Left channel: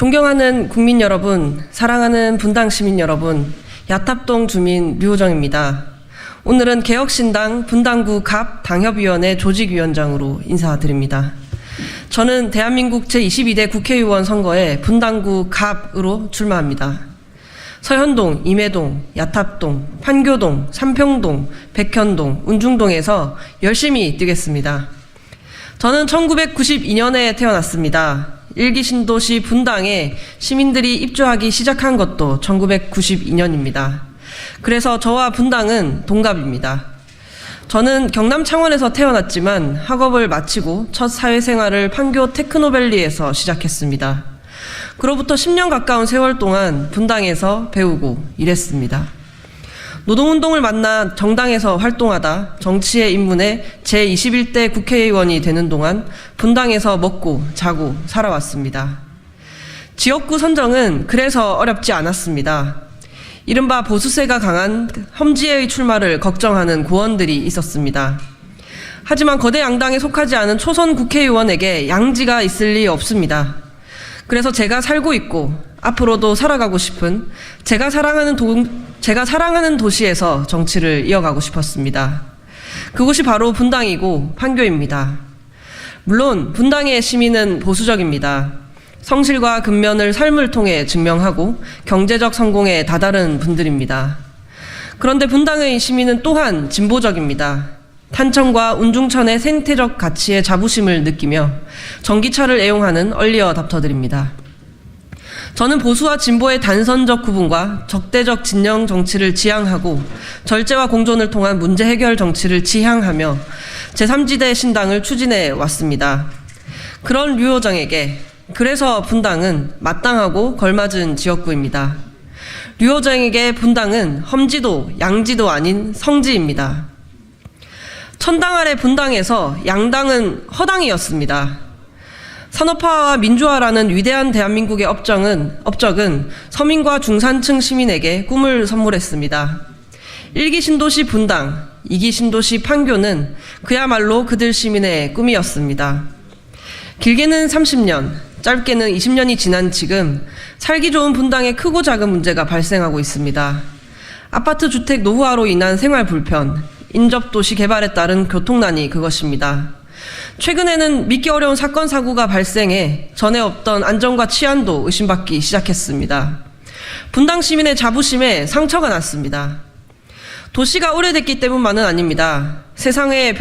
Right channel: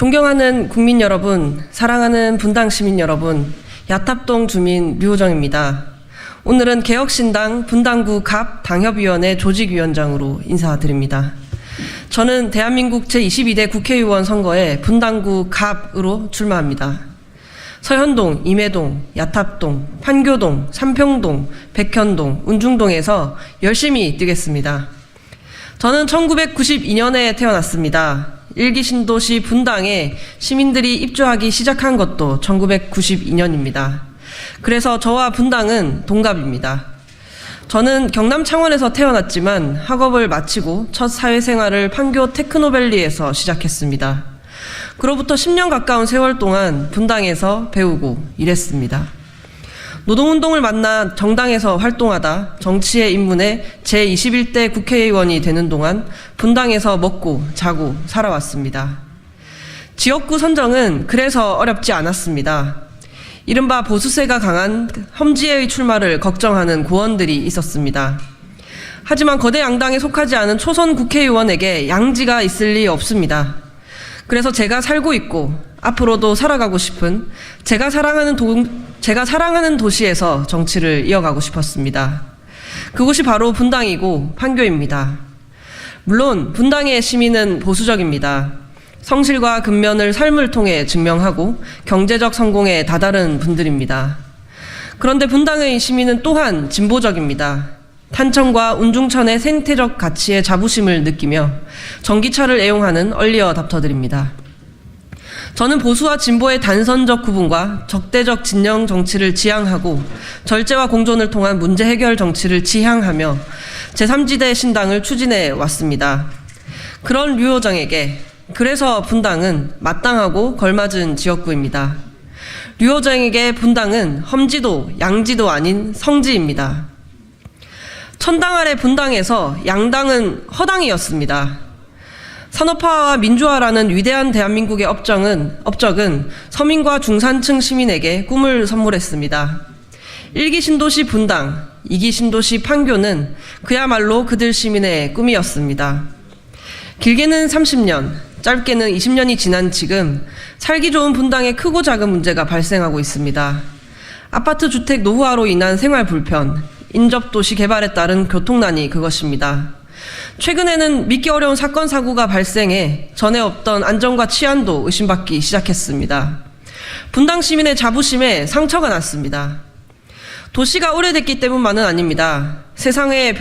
존경하는 국민 여러분, 사랑하는 분당 시민 여러분, 야탑동 주민 류호정입니다. 오늘은 개혁신당 분당구 갑 당협위원회 조직위원장으로 인사드립니다. 저는 대한민국 제22대 국회의원 선거에 분당구 갑으로 출마합니다. 서현동, 임해동, 야탑동, 판교동, 삼평동, 백현동, 운중동에서 열심히 뛰겠습니다. 저는 1992년에 태어났습니다. 일기 신도시 분당에 시민들이 입주하기 시작한 것도 1992년입니다. 그래서 저와 분당은 동갑입니다. 저는 경남 창원에서 태어났지만 학업을 마치고 첫 사회생활을 판교 테크노밸리에서 시작했습니다. 그로부터 10년 가까운 세월 동안 분당에서 배우고 일했습니다. 노동운동을 만나 정당에서 활동하다 정치에 입문해 제21대 국회의원이 되는 동안 분당에서 먹고 자고 살아왔습니다. 지역구 선정은 그래서 어렵지 않았습니다. 이른바 보수세가 강한 험지의 출마를 걱정하는 고원들이 있었습니다. 하지만 거대 양당에 속하지 않은 초선 국회의원에게 양지가 있을 리 없습니다. 그래서 제가 살고 있고 앞으로도 살아가고 싶은 제가 사랑하는 도시에서 정치를 이어가고 싶었습니다. 그것이 바로 분당이고 판교입니다. 물론 분당의 시민은 보수적입니다. 성실과 근면을 삶을 통해 증명하고 경제적 성공에 다다른 분들입니다. 그런데 분당의 시민은 또한 진보적입니다. 탄천과 운중천의 생태적 가치에 자부심을 느끼며 전기차를 애용하는 얼리어답터들입니다. 저는 보수와 진보의 단선적 구분과 적대적 진영 정치를 지향하고 절제와 공존을 통한 문제 해결 정치를 지향하며 제3지대 신당을 추진해 왔습니다. 그런 류호정에게 그래서 분당은 마땅하고 걸맞은 지역구입니다. 류호정에게 분당은 험지도 양지도 아닌 성지입니다. 천당 아래 분당에서 양당은 허당이었습니다. 산업화와 민주화라는 위대한 대한민국의 업적은 서민과 중산층 시민에게 꿈을 선물했습니다. 1기 신도시 분당, 2기 신도시 판교는 그야말로 그들 시민의 꿈이었습니다. 길게는 30년, 짧게는 20년이 지난 지금 살기 좋은 분당에 크고 작은 문제가 발생하고 있습니다. 아파트 주택 노후화로 인한 생활 불편, 인접도시 개발에 따른 교통난이 그것입니다. 최근에는 믿기 어려운 사건 사고가 발생해 전에 없던 안전과 치안도 의심받기 시작했습니다. 분당 시민의 자부심에 상처가 났습니다. 도시가 오래됐기 때문만은 아닙니다. 세상의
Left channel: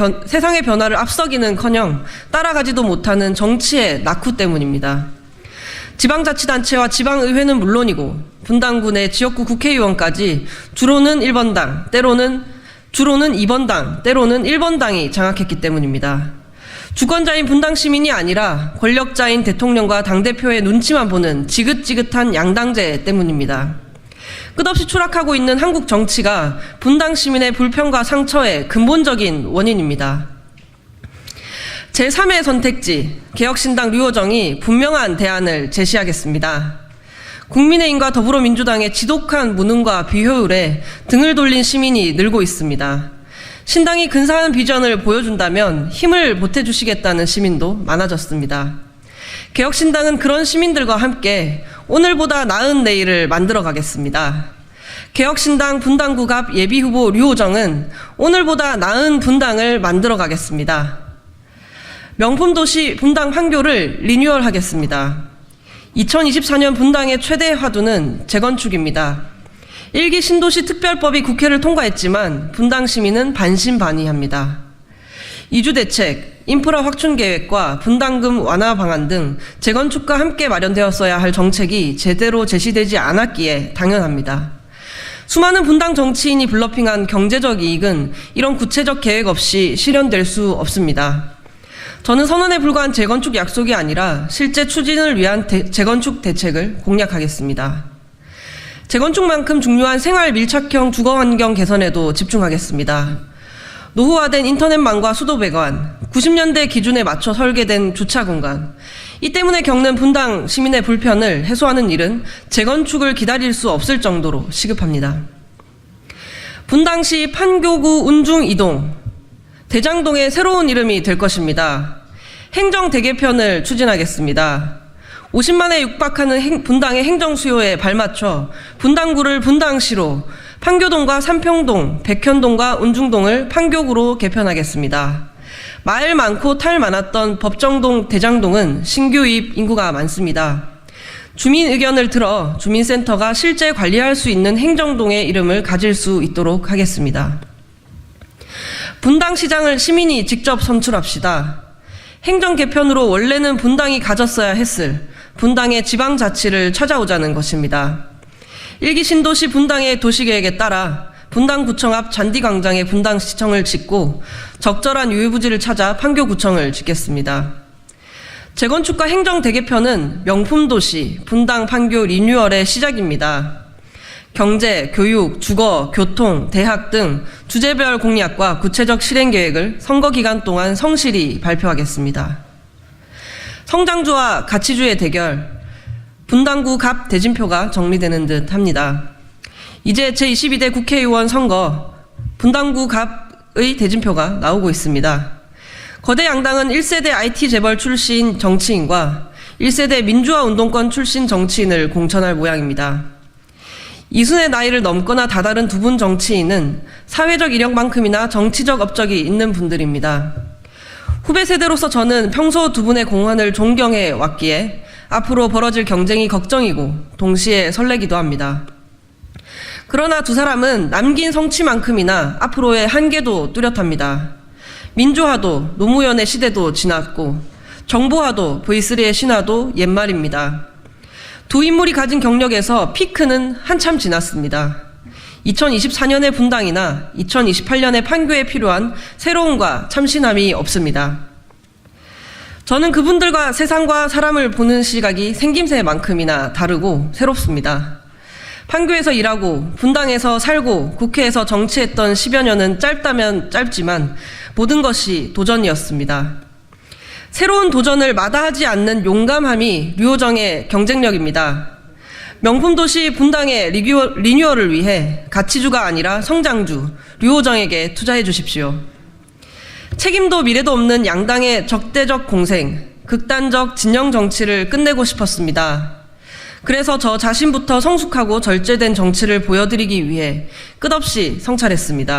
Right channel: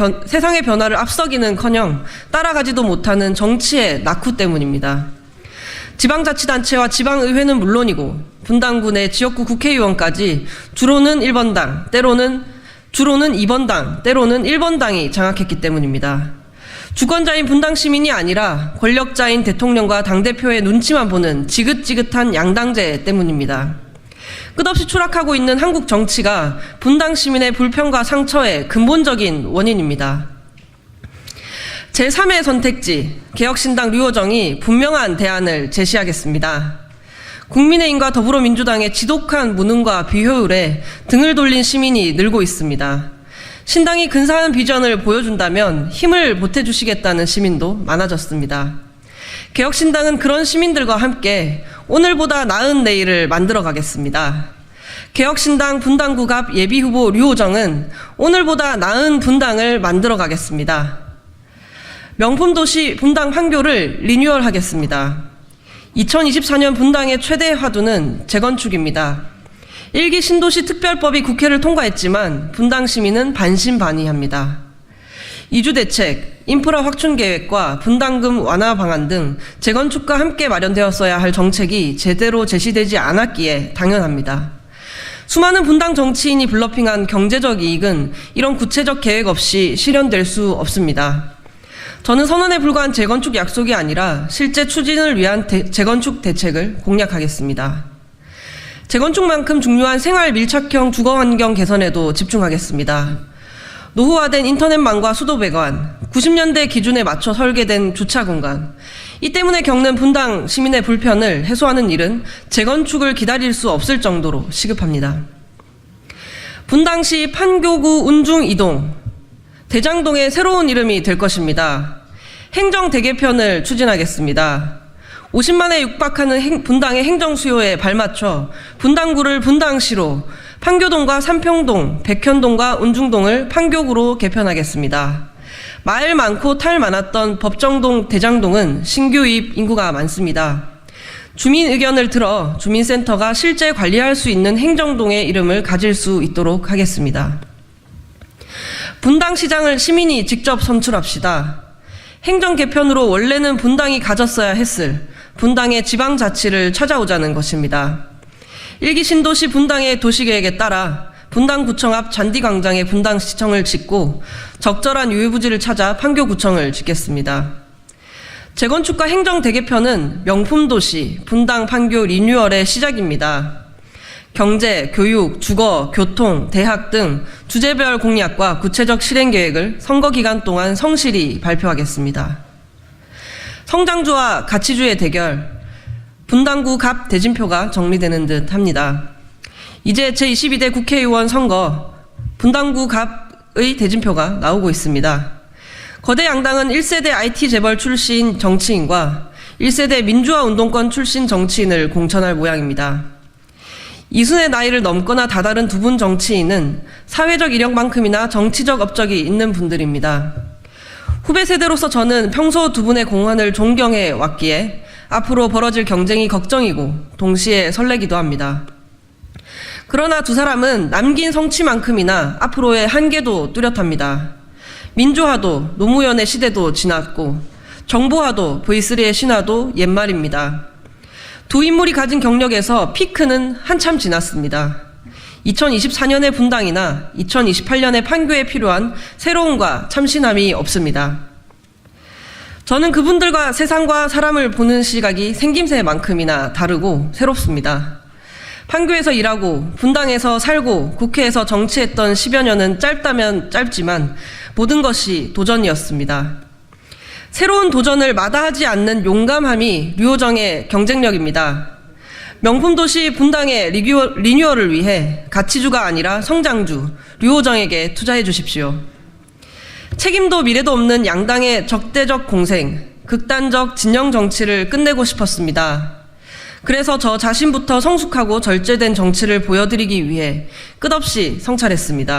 변화를 앞서기는커녕 따라가지도 못하는 정치의 낙후 때문입니다. 지방자치단체와 지방의회는 물론이고 분당군의 지역구 국회의원까지 주로는 1번당, 때로는 2번당, 때로는 1번당이 장악했기 때문입니다. 주권자인 분당 시민이 아니라 권력자인 대통령과 당대표의 눈치만 보는 지긋지긋한 양당제 때문입니다. 끝없이 추락하고 있는 한국 정치가 분당 시민의 불평과 상처의 근본적인 원인입니다. 제3의 선택지, 개혁신당 류호정이 분명한 대안을 제시하겠습니다. 국민의힘과 더불어민주당의 지독한 무능과 비효율에 등을 돌린 시민이 늘고 있습니다. 신당이 근사한 비전을 보여준다면 힘을 보태주시겠다는 시민도 많아졌습니다. 개혁신당은 그런 시민들과 함께 오늘보다 나은 내일을 만들어 가겠습니다. 개혁신당 분당구 갑 예비후보 류호정은 오늘보다 나은 분당을 만들어 가겠습니다. 명품도시 분당 판교를 리뉴얼하겠습니다. 2024년 분당의 최대 화두는 재건축입니다. 1기 신도시 특별법이 국회를 통과했지만 분당 시민은 반신반의합니다. 이주대책, 인프라 확충 계획과 분담금 완화 방안 등 재건축과 함께 마련되었어야 할 정책이 제대로 제시되지 않았기에 당연합니다. 수많은 분당 정치인이 블러핑한 경제적 이익은 이런 구체적 계획 없이 실현될 수 없습니다. 저는 선언에 불과한 재건축 약속이 아니라 실제 추진을 위한 재건축 대책을 공략하겠습니다. 재건축만큼 중요한 생활 밀착형 주거환경 개선에도 집중하겠습니다. 노후화된 인터넷망과 수도배관, 90년대 기준에 맞춰 설계된 주차공간, 이 때문에 겪는 분당 시민의 불편을 해소하는 일은 재건축을 기다릴 수 없을 정도로 시급합니다. 분당시 판교구 운중 2동, 대장동의 새로운 이름이 될 것입니다. 행정대개편을 추진하겠습니다. 50만에 육박하는 분당의 행정 수요에 발맞춰 분당구를 분당시로, 판교동과 삼평동, 백현동과 운중동을 판교구로 개편하겠습니다. 말 많고 탈 많았던 법정동, 대장동은 신규 유입 인구가 많습니다. 주민 의견을 들어 주민센터가 실제 관리할 수 있는 행정동의 이름을 가질 수 있도록 하겠습니다. 분당시장을 시민이 직접 선출합시다. 행정 개편으로 원래는 분당이 가졌어야 했을 분당의 지방자치를 찾아오자는 것입니다. 1기 신도시 분당의 도시계획에 따라 분당구청 앞 잔디광장에 분당시청을 짓고 적절한 유휴부지를 찾아 판교구청을 짓겠습니다. 재건축과 행정 대개편은 명품도시 분당 판교 리뉴얼의 시작입니다. 경제, 교육, 주거, 교통, 대학 등 주제별 공약과 구체적 실행계획을 선거 기간 동안 성실히 발표하겠습니다. 성장주와 가치주의 대결, 분당구 갑 대진표가 정리되는 듯 합니다. 이제 제22대 국회의원 선거, 분당구 갑의 대진표가 나오고 있습니다. 거대 양당은 1세대 IT 재벌 출신 정치인과 1세대 민주화 운동권 출신 정치인을 공천할 모양입니다. 이순의 나이를 넘거나 다다른 두 분 정치인은 사회적 이력만큼이나 정치적 업적이 있는 분들입니다. 후배 세대로서 저는 평소 두 분의 공헌을 존경해 왔기에 앞으로 벌어질 경쟁이 걱정이고 동시에 설레기도 합니다. 그러나 두 사람은 남긴 성취만큼이나 앞으로의 한계도 뚜렷합니다. 민주화도 노무현의 시대도 지났고 정보화도 V3의 신화도 옛말입니다. 두 인물이 가진 경력에서 피크는 한참 지났습니다. 2024년의 분당이나 2028년의 판교에 필요한 새로움과 참신함이 없습니다. 저는 그분들과 세상과 사람을 보는 시각이 생김새만큼이나 다르고 새롭습니다. 판교에서 일하고 분당에서 살고 국회에서 정치했던 10여 년은 짧다면 짧지만 모든 것이 도전이었습니다. 새로운 도전을 마다하지 않는 용감함이 류호정의 경쟁력입니다. 명품도시 분당의 리뉴얼을 위해 가치주가 아니라 성장주 류호정에게 투자해 주십시오. 책임도 미래도 없는 양당의 적대적 공생, 극단적 진영 정치를 끝내고 싶었습니다. 그래서 저 자신부터 성숙하고 절제된 정치를 보여드리기 위해 끝없이 성찰했습니다.